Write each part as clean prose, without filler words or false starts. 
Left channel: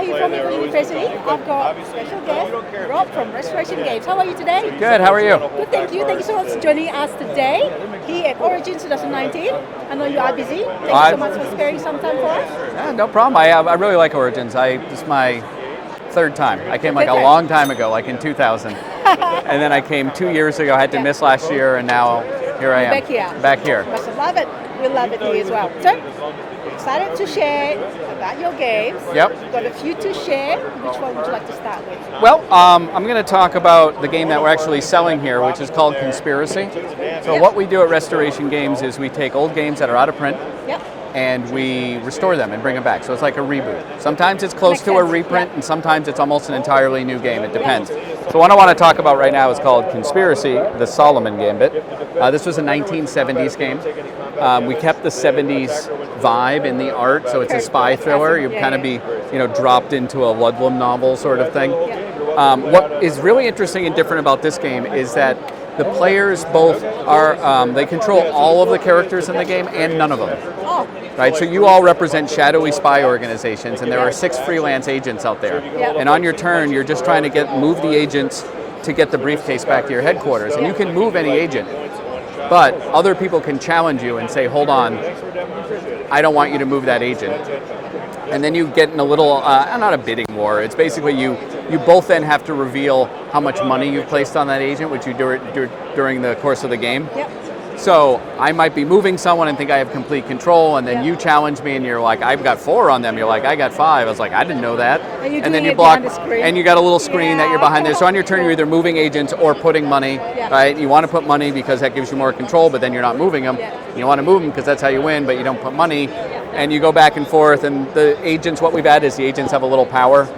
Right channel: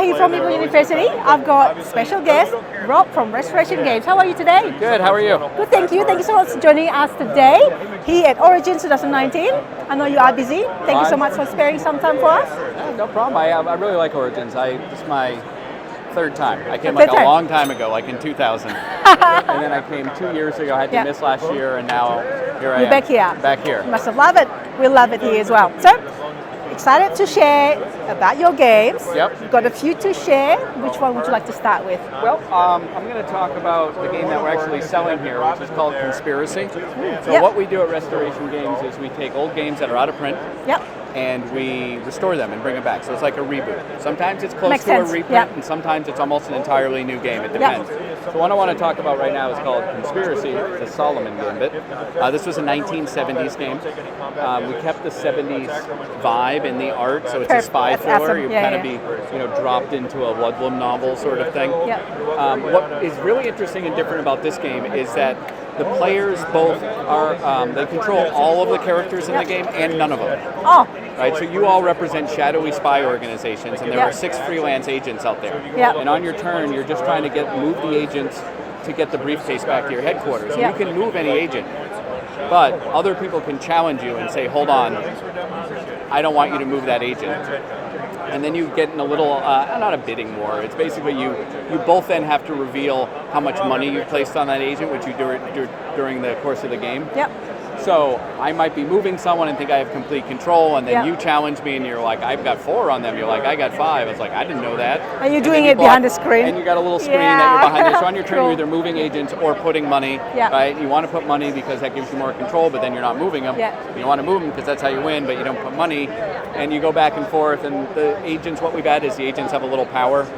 Jahja from Meeple University. I've got special guest, Rob from Restoration Games. How are you today? Good, how are you? Good, thank you. Thank you so much for joining us today here at Origins 2019. I know you are busy. Thank you so much for sparing some time for us. Yeah, no problem. I really like Origins. This is my third time. I came like a long time ago, like in 2000. And then I came 2 years ago. I had to miss last year, and now here I am. Back here. Back here. Must have loved it. We love it here as well. So, excited to share about your games. Yep. You've got a few to share. Which one would you like to start with? Well, I'm going to talk about the game that we're actually selling here, which is called Conspiracy. So what we do at Restoration Games is we take old games that are out of print. Yep. And we restore them and bring them back. So it's like a reboot. Sometimes it's close to a reprint, and sometimes it's almost an entirely new game. It depends. So what I want to talk about right now is called Conspiracy, the Solomon Gambit. This was a 1970s game. We kept the 70s vibe in the art, so it's a spy thriller. Awesome. You'd kind of be, dropped into a Ludlum novel sort of thing. What is really interesting and different about this game is that the players both are, they control all of the characters in the game and none of them. Oh. Right, so you all represent shadowy spy organizations, and there are 6 freelance agents out there. And on your turn, you're just trying to move the agents to get the briefcase back to your headquarters. And you can move any agent, but other people can challenge you and say, hold on, I don't want you to move that agent. And then you get in a little, not a bidding war, it's basically you both then have to reveal how much money you've placed on that agent, which you do during the course of the game. So I might be moving someone and think I have complete control, and then you challenge me and you're like, I've got 4 on them. You're like, I got 5. I was like, I didn't know that. And you're doing it behind the screen. And you got a little screen that you're behind there. So on your turn, you're either moving agents or putting money. Right? You want to put money because that gives you more control, but then you're not moving them. You want to move them because that's how you win, but you don't put money. And you go back and forth, and the agents, what we've added is the agents have a little power.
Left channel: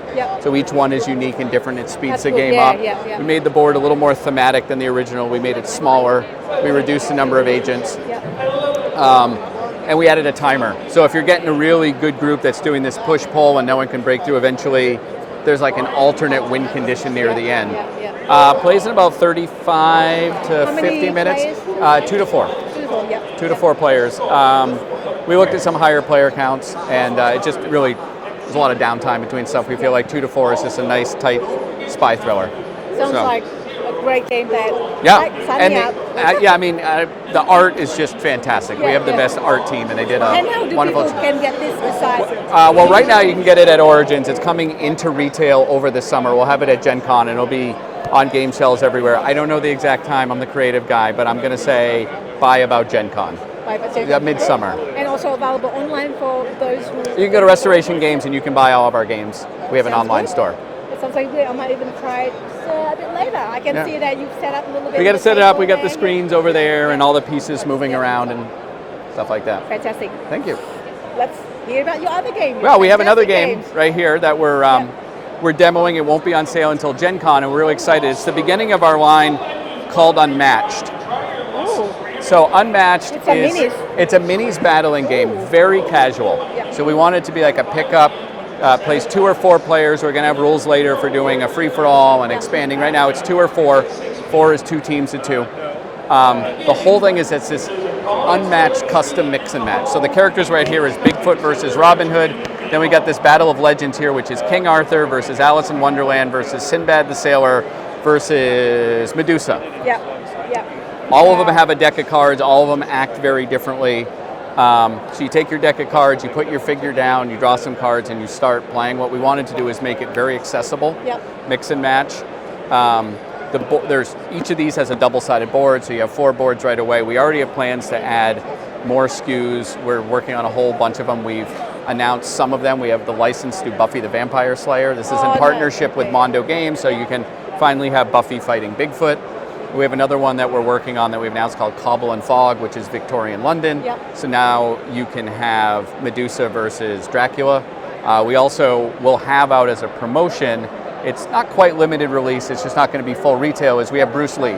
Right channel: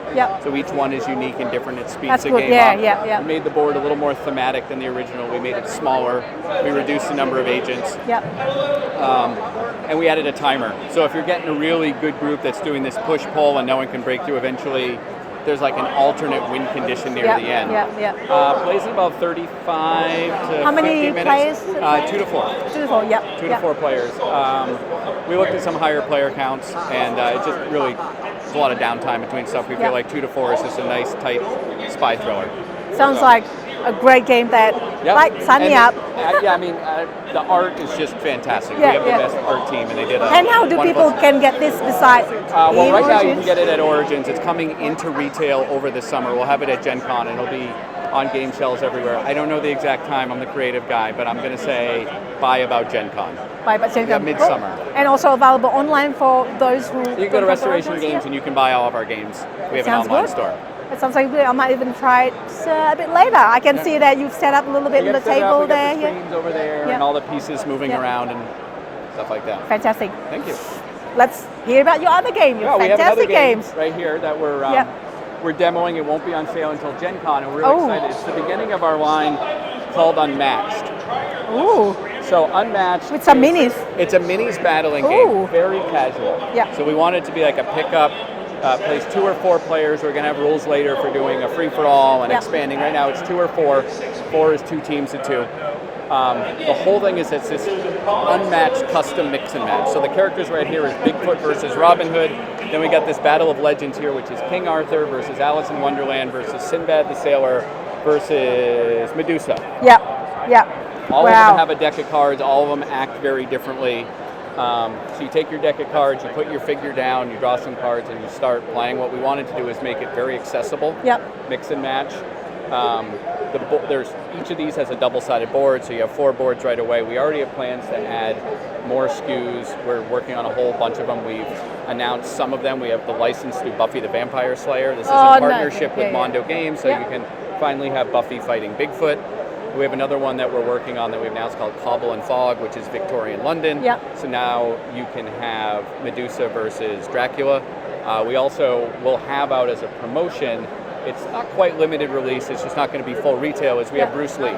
So each one is unique and different. It speeds the game up. We made the board a little more thematic than the original. We made it smaller. We reduced the number of agents. And we added a timer. So if you're getting a really good group that's doing this push-pull and no one can break through, eventually there's like an alternate win condition near the end. Plays in about 35 to 50 minutes. Players? 2 to 4. 2 to 4, 2 to 4 players. We looked at some higher player counts, and it just really, there's a lot of downtime between stuff. We feel like 2 to 4 is just a nice, tight spy thriller. Sounds like a great game that sign me up. The art is just fantastic. We have the best art team, and they did And how do people can get this besides? Well, right now you can get it at Origins. It's coming into retail over the summer. We'll have it at Gen Con, and it'll be on game shelves everywhere. I don't know the exact time. I'm the creative guy, but I'm going to say by about Gen Con. Midsummer. And also available online for those who... You can go to Restoration Games, and you can buy all of our games. We have an online store. Sounds like I might even try it a bit later. I can see that you've set up a little bit. We got to set it up. We got the screens over there and all the pieces moving around and stuff like that. Fantastic. Thank you. Let's hear about your other game. Well, we have another game right here that we're demoing. It won't be on sale until Gen Con, and we're really excited. It's the beginning of our line called Unmatched. Oh. So Unmatched With some minis. It's a minis battling game, very casual. So we want it to be like a pickup. Plays 2 or 4 players. We're going to have rules later for doing a free-for-all and expanding. Right now it's 2 or 4. 4 is 2 teams of 2. The whole thing is it's this unmatched custom mix and match. So the characters right here is Bigfoot versus Robin Hood. Then we got this Battle of Legends here, which is King Arthur versus Alice in Wonderland versus Sinbad the Sailor versus Medusa. All of them have a deck of cards. All of them act very differently. So you take your deck of cards, you put your figure down, you draw some cards, and you start playing. What we wanted to do is make it very accessible, mix and match. Each of these has a double-sided board, so you have 4 boards right away. We already have plans to add more SKUs. We're working on a whole bunch of them. We've announced some of them. We have the license to Buffy the Vampire Slayer. This is in partnership with Mondo Games, so you can finally have Buffy fighting Bigfoot. We have another one that we're working on that we've announced called Cobble and Fog, which is Victorian London. So now you can have Medusa versus Dracula. We also will have out as a promotion, it's not quite limited release, it's just not going to be full retail, is we have Bruce Lee.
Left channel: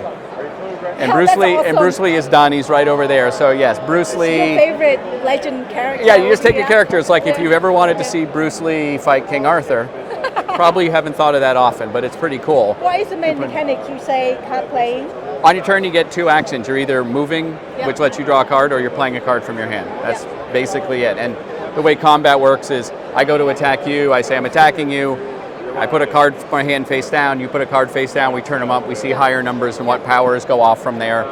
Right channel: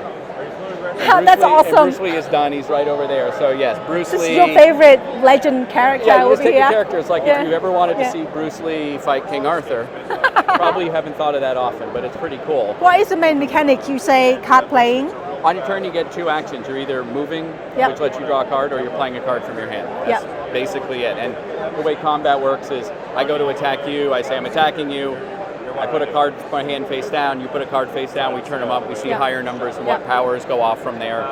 And Bruce Lee is done, he's right over there. So yes, Bruce Lee. This is your favorite legend character. Yeah, you just take a character. It's like if you've ever wanted to see Bruce Lee fight King Arthur, probably haven't thought of that often, but it's pretty cool. What is the main mechanic? You say card playing? On your turn, you get 2 actions. You're either moving, which lets you draw a card, or you're playing a card from your hand. basically it. And the way combat works is I go to attack you, I say I'm attacking you, I put a card, my hand face down, you put a card face down, we turn them up, we see higher numbers and what powers go off from there.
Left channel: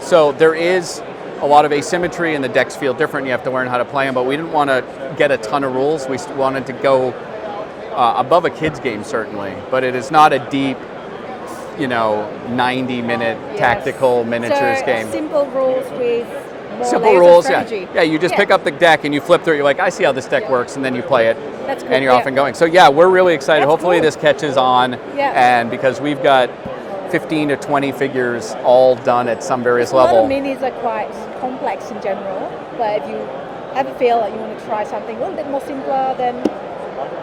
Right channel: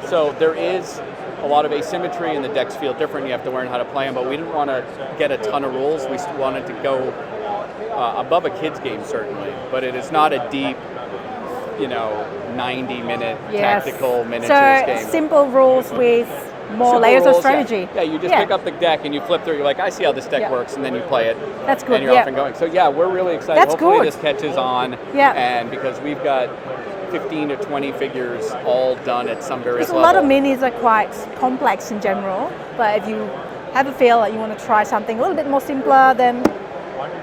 So there is a lot of asymmetry and the decks feel different, you have to learn how to play them, but we didn't want to get a ton of rules, we wanted to go above a kid's game certainly, but it is not a deep, 90-minute tactical miniatures game. Simple rules with more Simple layers rules, of strategy. Yeah, you just pick up the deck and you flip through it, you're like, I see how this deck works, and then you play it. That's good. And you're off and going. So yeah, we're really excited. That's Hopefully good. this catches on, and because we've got 15 to 20 figures all done at some various level. A lot of minis are quite complex in general, but if you have a feel like you want to try something a little bit more simpler, then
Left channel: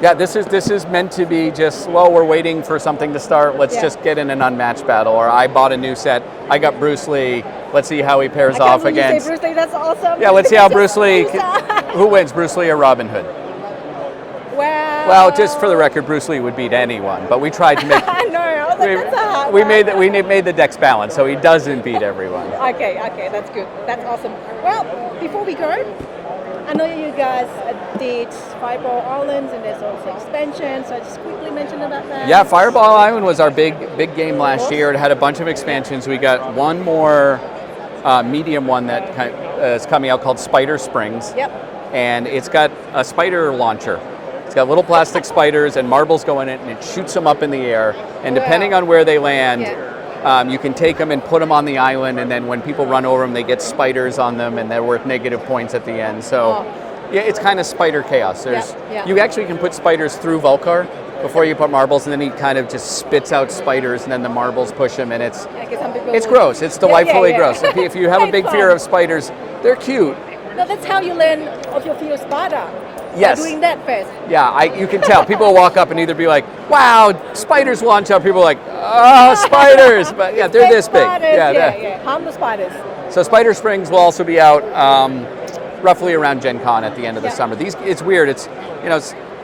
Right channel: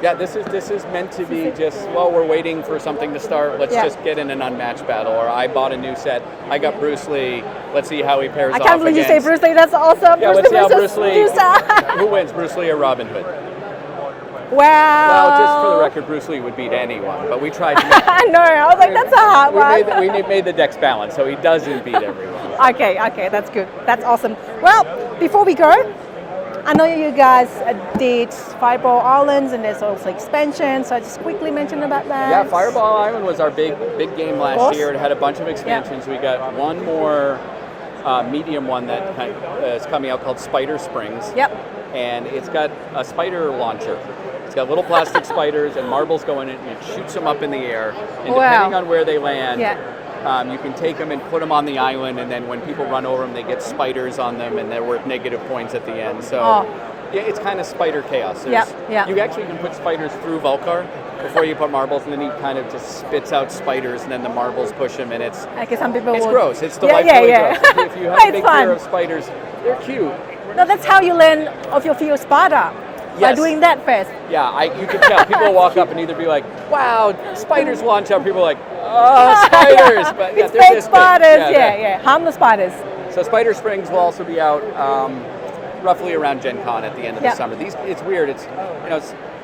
yeah, this is meant to be just, well, we're waiting for something to start. Let's just get in an unmatched battle. Or I bought a new set. I got Bruce Lee. Let's see how he pairs off against. I can't believe you say Bruce Lee. That's awesome. Yeah, let's see how Bruce Lee. Who wins, Bruce Lee or Robin Hood? Well, just for the record, Bruce Lee would beat anyone. But we tried to make. I know. I was like, that's a hard one. We made the decks balanced, so he doesn't beat everyone. Okay, that's good. That's awesome. Well, before we go, I know you guys did Fireball Islands, and there's also expansion, so I just quickly mention about that. Yeah, Fireball Island was our big game last year. It had a bunch of expansions. We got one more medium one that is coming out called Spider Springs. Yep. And it's got a spider launcher. It's got little plastic spiders and marbles go in it, and it shoots them up in the air. And depending on where they land, you can take them and put them on the island, and then when people run over them, they get spiders on them, and they're worth negative points at the end. So, yeah, it's kind of spider chaos. You actually can put spiders through Volcar before you put marbles, and then he kind of just spits out spiders, and then the marbles push him, and it's gross. It's delightfully gross. If you have a big fear of spiders, they're cute. No, that's how you learn of your fear of spider. By doing that first. Yeah, you can tell. People walk up and either be like, wow, spiders launch up. People are like, spiders. But yeah, they're this big. Yeah. Harmless spiders. So Spider Springs will also be out roughly around Gen Con at the end of the summer. It's weird.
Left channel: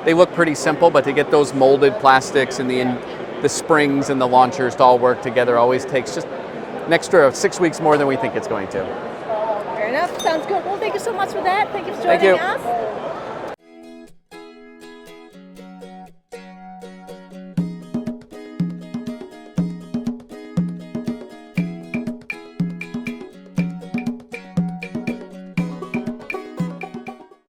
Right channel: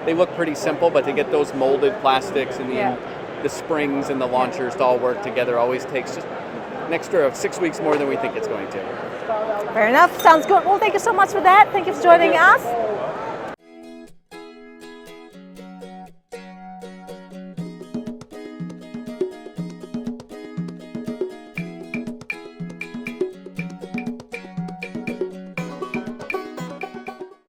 They look pretty simple, but to get those molded plastics and the springs and the launchers to all work together always takes just an extra 6 weeks more than we think it's going to. Fair enough. Sounds good. Well, thank you so much for that. Thank you for joining us.